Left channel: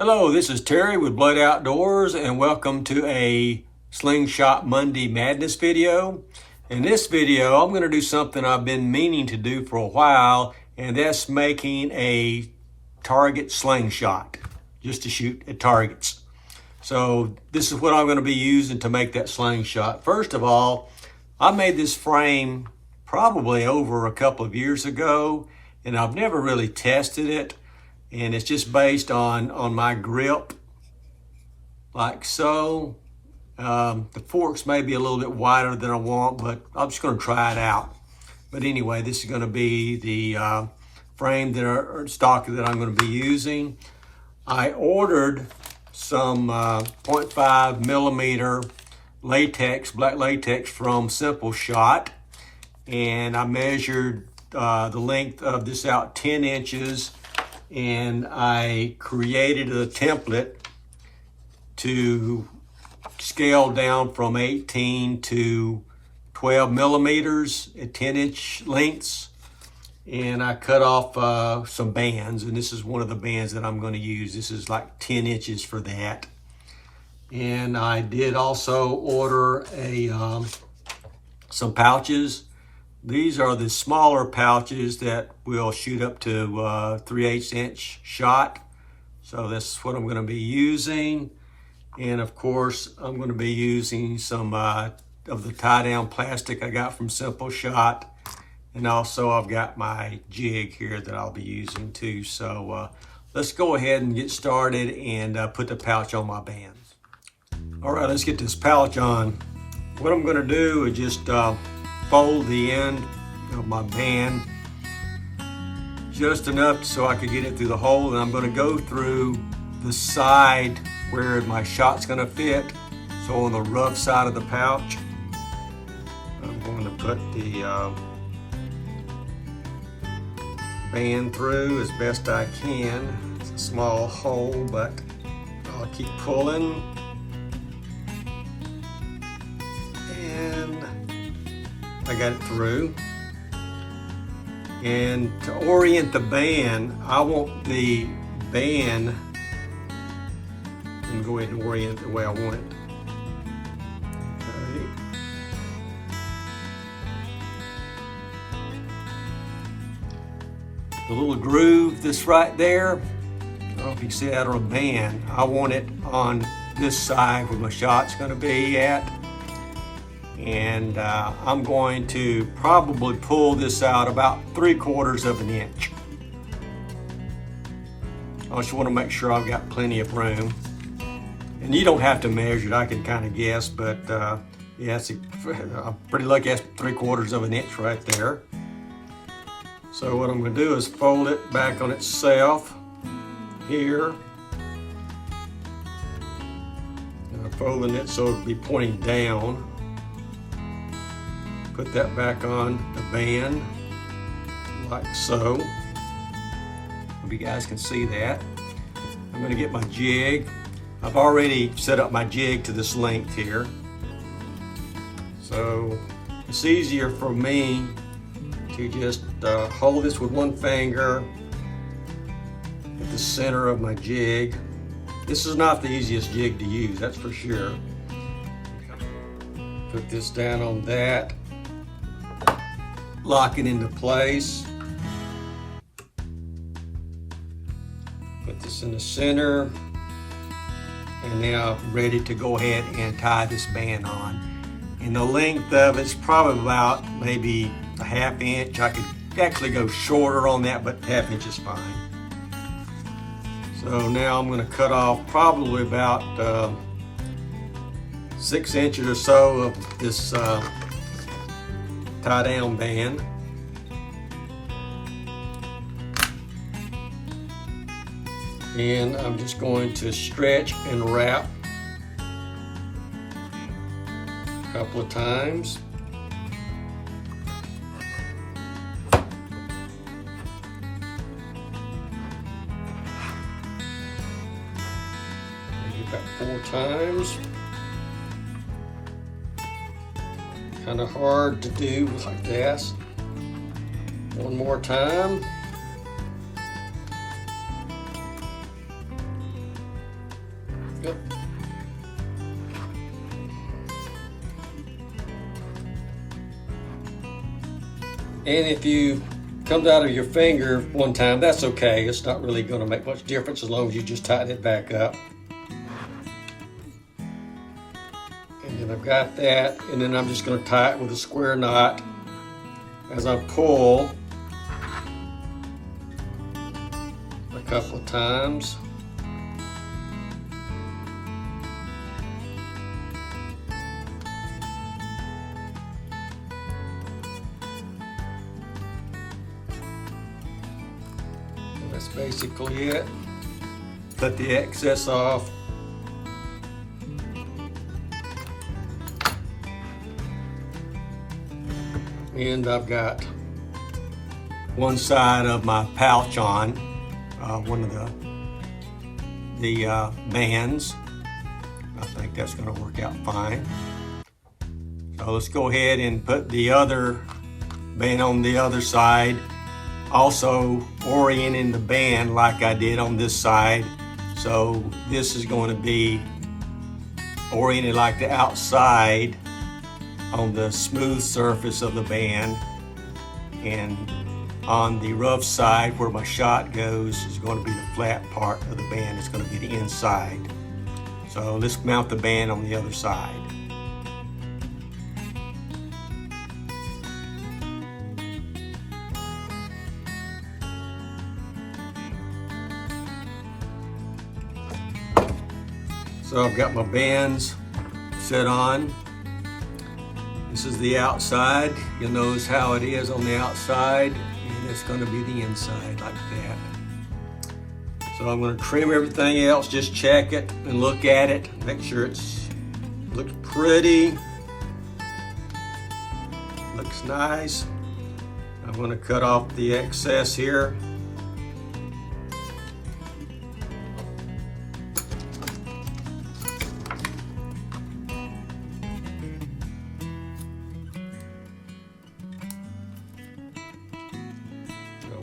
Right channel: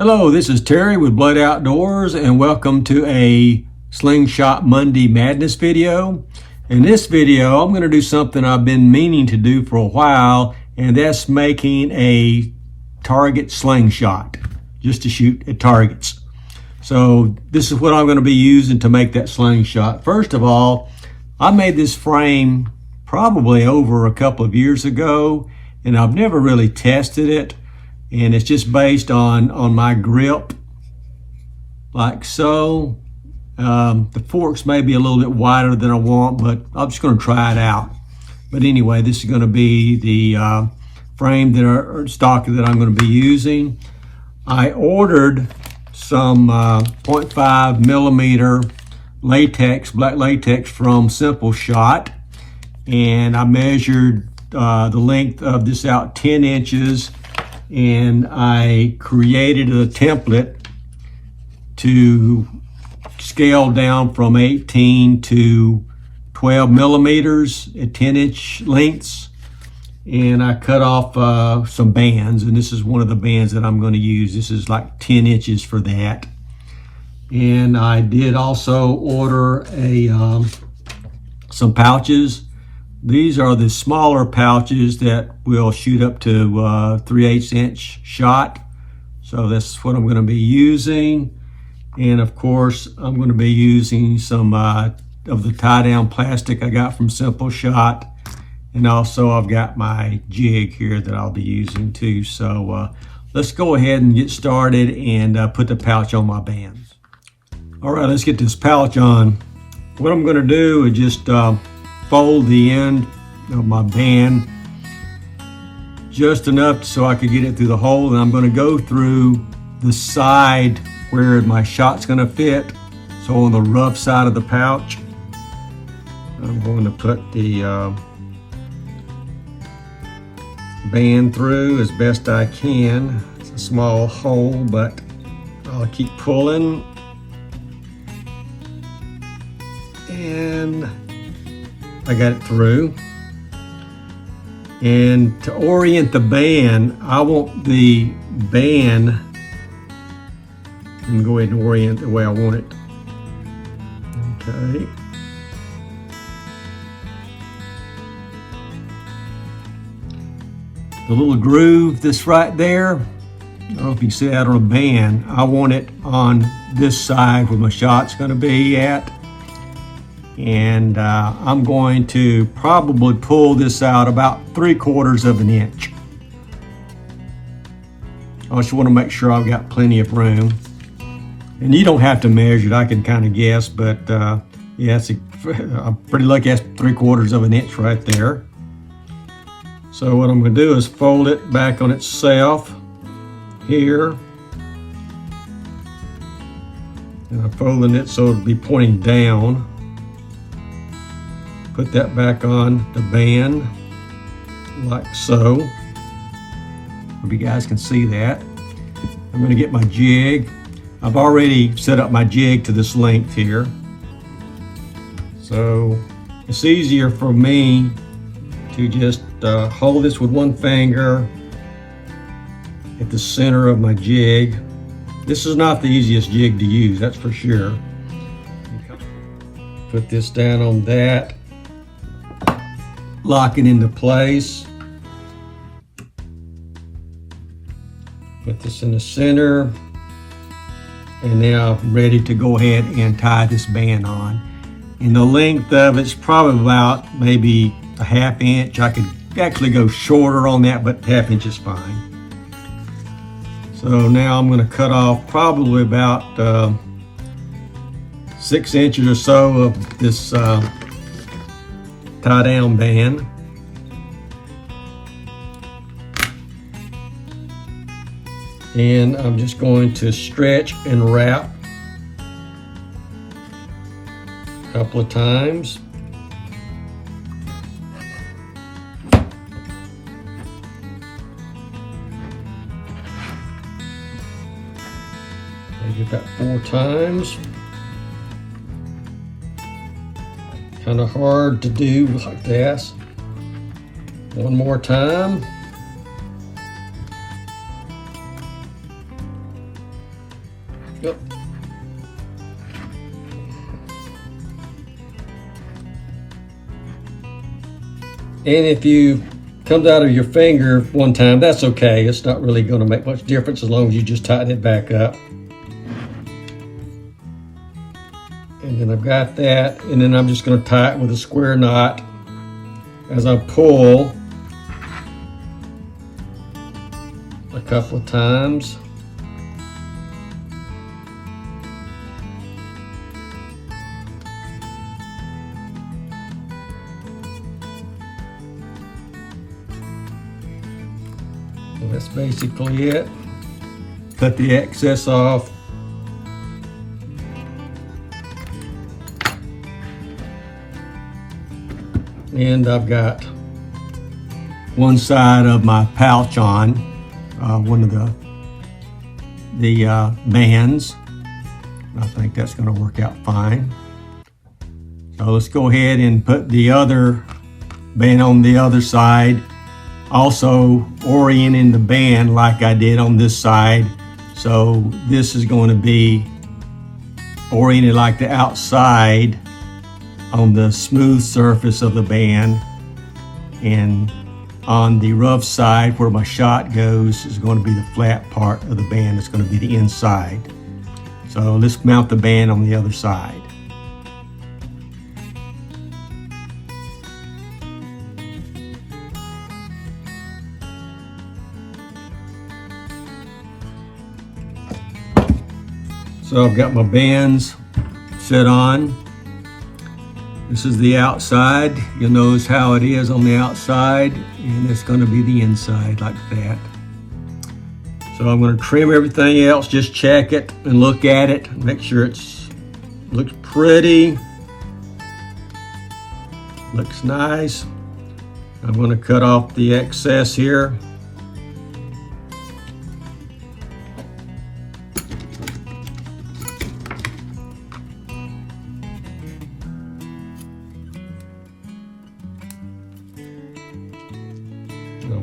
Hello, this is Terry with Blood Outdoors and welcome to a Slingshot Monday Madness video. In this video, I'm going to do something I've been meaning to do for a while, and that's making a target slingshot, just to shoot at targets. So this is what I'm going to be using to make that slingshot. First of all, I made this frame probably over a couple of years ago, and I've never really tested it. And it's just based on my grip, like so. The forks may be a little bit wider than I want, but I'm just going to try it out. But anyway, this is going to be the frame or stock that I'm going to be using. I ordered some 0.5 millimeter latex, black latex from SimpleShot, and I measured the length of this out 10 inches. And I created a template to scale down from 18 to 12 millimeters at 10-inch lengths. And I cut off some bands, and this is one of the bands that I'm going to use. This is like 10 inches for that. And I did also order some pouches. These are the smaller pouches that will shoot up to 3/8 inch shot. So that's what I'm going to be using. And of course, I'm going to be using some of the tie down plastic I got from SimpleShot. And also I've got my jig here that I'll be using too. So let's go ahead and get started and put the pouch on my bands. All right, let's get this pouch on. What I'm going to do is just fold the end of my band just enough so I could get it through the hole, and I'm going to go through the side where my shot's going to fit. So on the rough side of the pouch, I'm going to put the band through as best I can. It's a small hole, but I'll keep pulling. And I got it through. And to orient the band, I want the band, and go ahead and orient the way I want it. Okay. The little groove that's right there, I don't know if you can see that on a band. I want it on this side where my shot's going to be at. And I'm going to probably pull this out about 3/4 of an inch. I just want to make sure I've got plenty of room. And you don't have to measure it, I can kind of guess, but yeah, I'm pretty lucky that's 3/4 of an inch right there. So what I'm going to do is fold it back on itself here. And I'm folding it so it'll be pointing down. Put that back on the band, like so. Hope you guys can see that. I'm going to get my jig. I've already set up my jig to this length here. So it's easier for me to just hold this with one finger at the center of my jig. This is not the easiest jig to use, that's for sure. Put this down on that. Lock it into place. Put this in the center. And now I'm ready to go ahead and tie this band on. And the length of it's probably about maybe a 1/2 inch. I could actually go shorter on that, but 1/2 inch is fine. So now I'm going to cut off probably about 6 inches or so of this tie down band. And I'm just going to stretch and wrap a couple of times. I did that 4 times. Kind of hard to do like this. One more time. Yep. And if you comes out of your finger one time, that's okay. It's not really going to make much difference as long as you just tighten it back up. And I've got that, and then I'm just going to tie it with a square knot as I pull a couple of times. That's basically it. Cut the excess off. And I've got one side of my pouch on, one of the bands. I think that's going to work out fine. So let's go ahead and put the other band on the other side. Also orienting the band like I did on this side. So this is going to be oriented like the outside on the smooth surface of the band, and on the rough side where my shot goes is going to be the flat part of the band. It's going to be the inside. So let's mount the band on the other side. So I've got my bands set on. This is the outside. You'll notice how it is on the outside, and it's going to be the inside like that. So I'm going to trim everything else, just check it and look at it, make sure it looks pretty, looks nice. I'm going to cut off the excess here.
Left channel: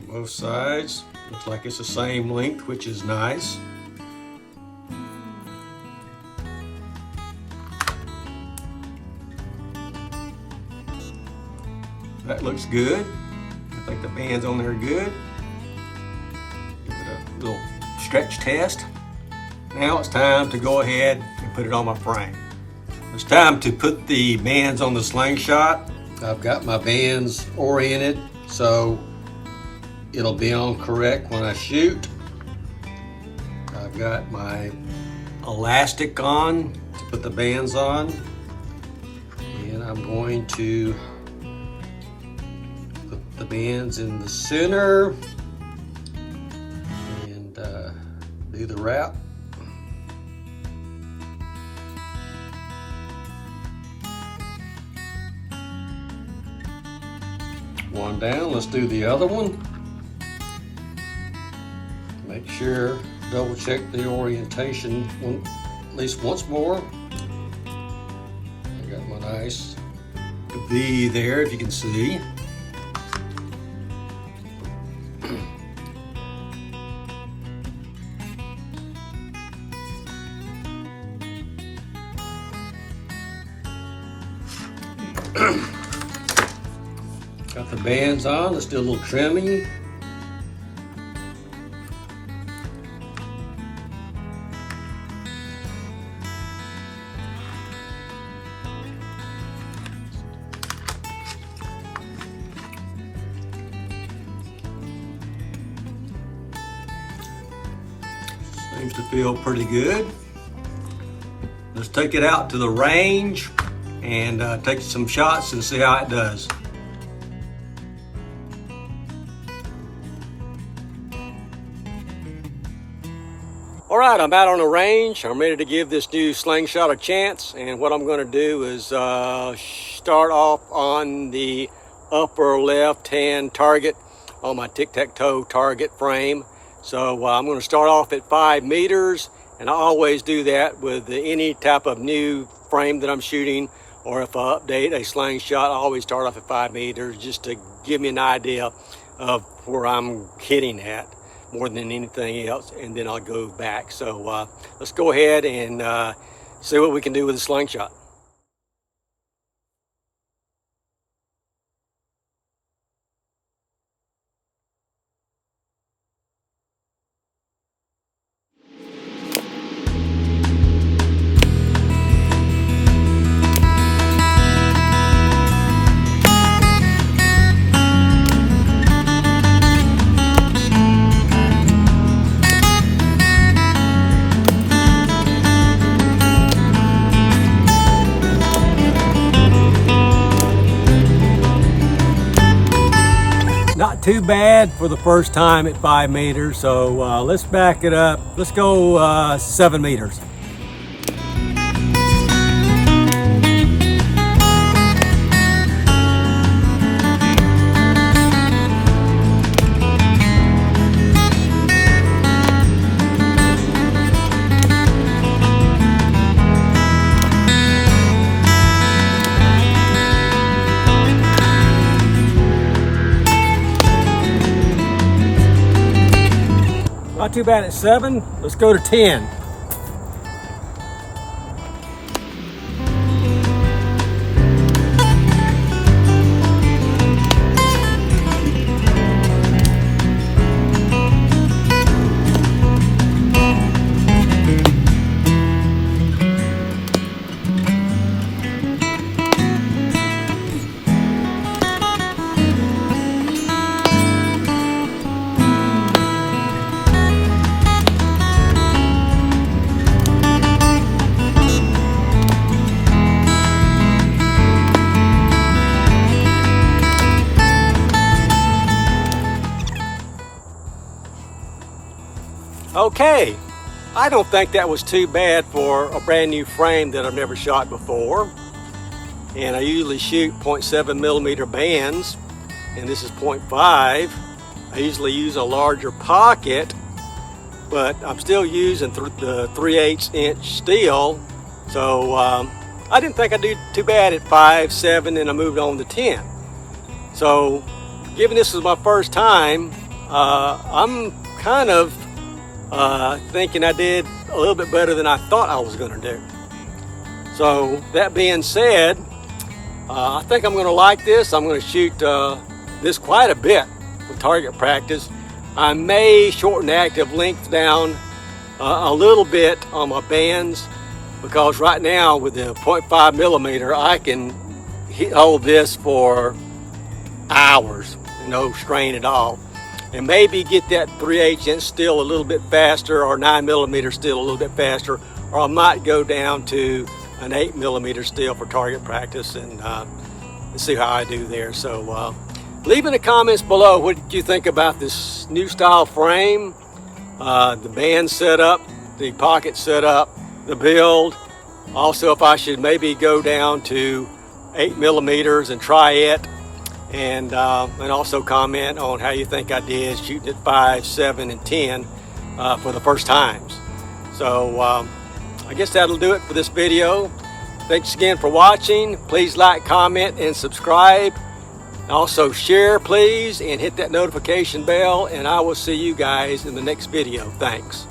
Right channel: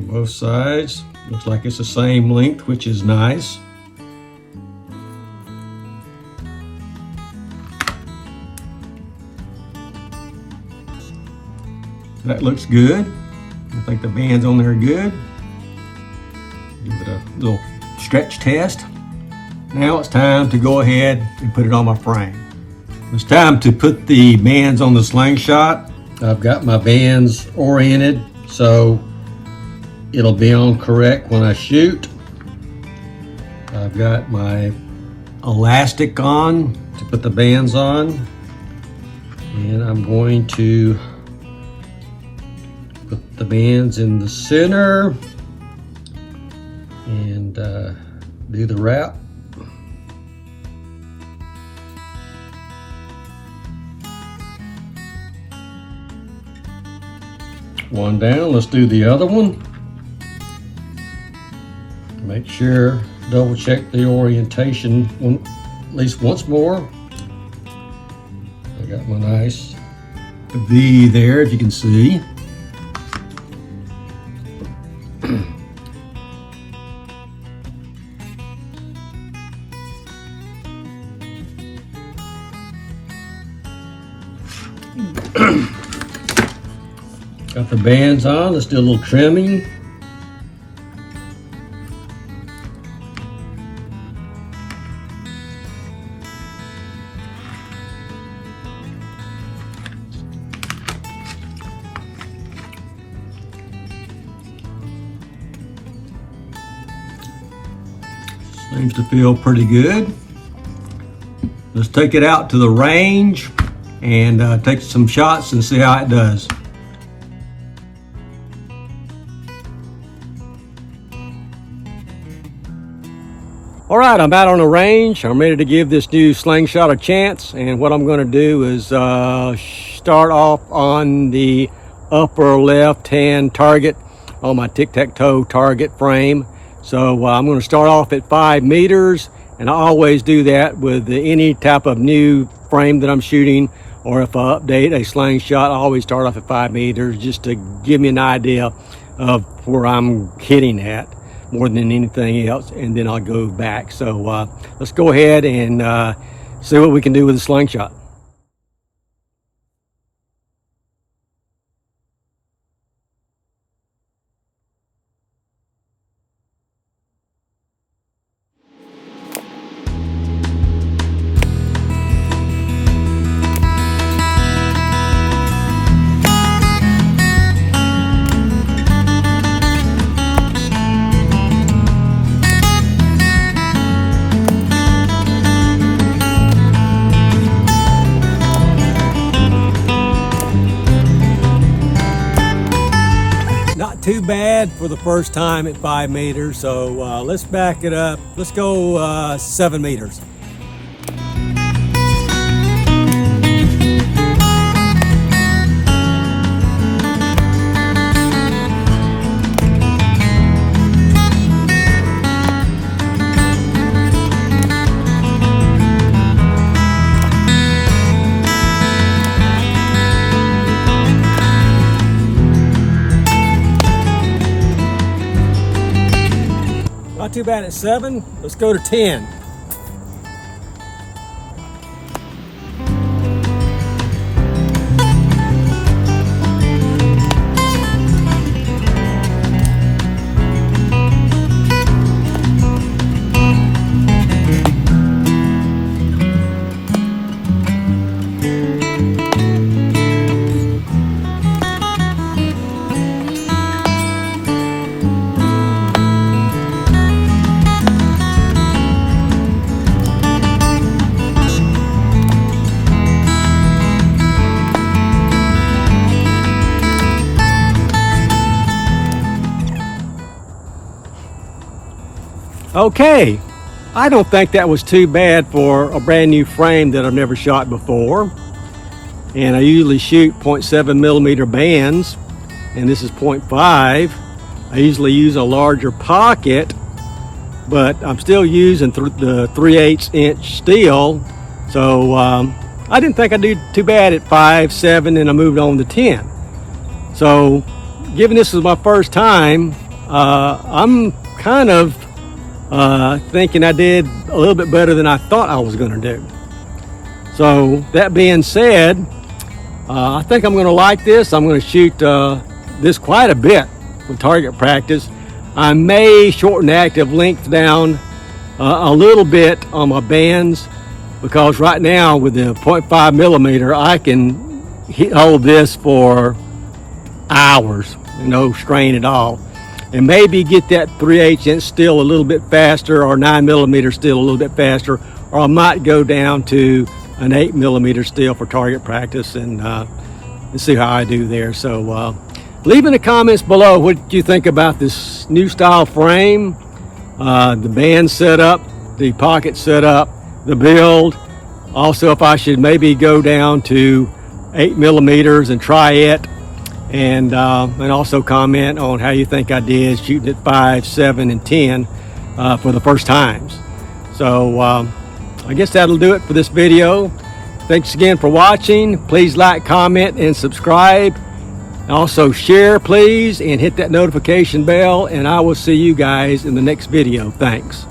Both sides. Looks like it's the same length, which is nice. That looks good. I think the bands on there are good. Give it a little stretch test. Now it's time to go ahead and put it on my frame. It's time to put the bands on the Slingshot. I've got my bands oriented so it'll be on correct when I shoot. I've got my elastic on to put the bands on, and I'm going to put the bands in the center and do the wrap. One down, let's do the other one. Make sure, double check the orientation at least once more. I got my nice V there, if you can see. Got the bands on, let's do a little trimming. Seems to feel pretty good. Let's take it out to the range and take some shots and see how it does. All right, I'm out on the range. I'm ready to give this new Slingshot a chance, and what I'm going to do is start off on the upper left-hand target on my tic-tac-toe target frame. So I'm going to start off at 5 meters, and I always do that with any type of new frame that I'm shooting, or if I update a Slingshot, I always start off at 5 meters just to give me an idea of where I'm hitting at. more than anything else, and then I'll go back. So let's go ahead and see what we can do with the slingshot. Not too bad for the first time at 5 meters, so let's back it up. Let's go 7 meters. Not too bad at 7. Let's go to 10. Okay, I don't think that was too bad for a brand new frame that I've never shot before. And I usually shoot 0.7 millimeter bands, and this is 0.5. I usually use a larger pocket, but I'm still using the 3/8 inch steel. So I didn't think I'd do too bad at 5, 7, and I moved on to 10. So given this is my first time, I'm kind of thinking I did a little bit better than I thought I was going to do. So that being said, I think I'm going to like this. I'm going to shoot this quite a bit with target practice. I may shorten the active length down a little bit on my bands, because right now with the 0.5 millimeter I can hold this for hours, no strain at all. And maybe get that 3/8 inch steel a little bit faster, or 9 millimeter steel a little bit faster, or I might go down to an 8 millimeter steel for target practice and see how I do there. So leave in the comments below what you think about this new style frame, the band setup, the pocket setup, the build. Also, if I should maybe go down to 8 millimeters and try it. And also comment on how you think I did shooting at 5, 7, and 10 for the first times. So I guess that'll do it for this video. Thanks again for watching. Please like, comment, and subscribe. Also share, please, and hit that notification bell, and I will see you guys in the next video. Thanks.